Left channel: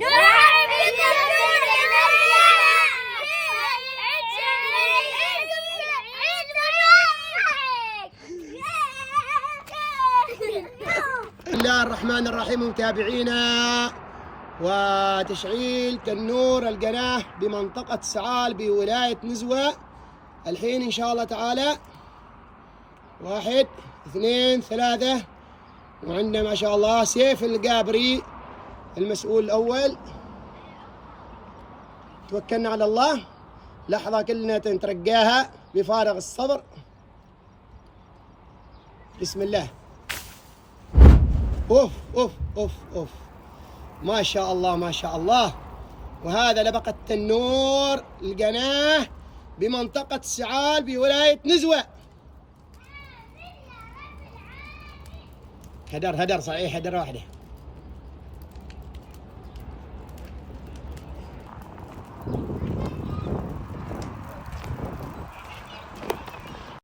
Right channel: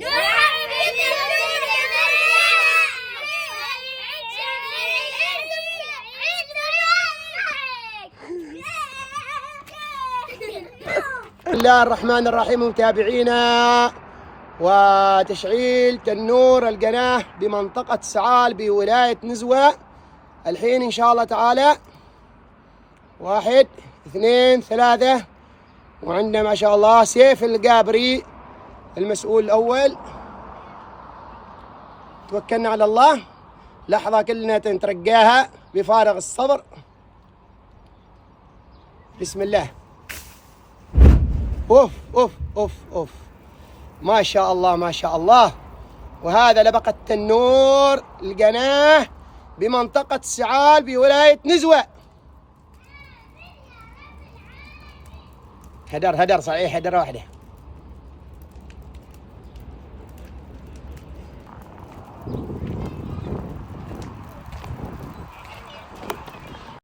بسم الله الرحمن الرحيم. متابعينا، وتشعيل تنور القناة بمنطقة سعال بولاية نزوة الحين إن شاء الله تعالى. 1 2 3. وعندنا ما شاء الله سيف القابري المسؤول الأول. توكلنا على الله، لحظة كلنا نترقاها بفارغ الصبر. بسم الله. اوف اوف اوف اوف، ما شاء الله ما شاء الله. وهذا لبقة تنور القناة بمنطقة سعال بولاية نزوة. هدر صحيح، هدرة واحدة.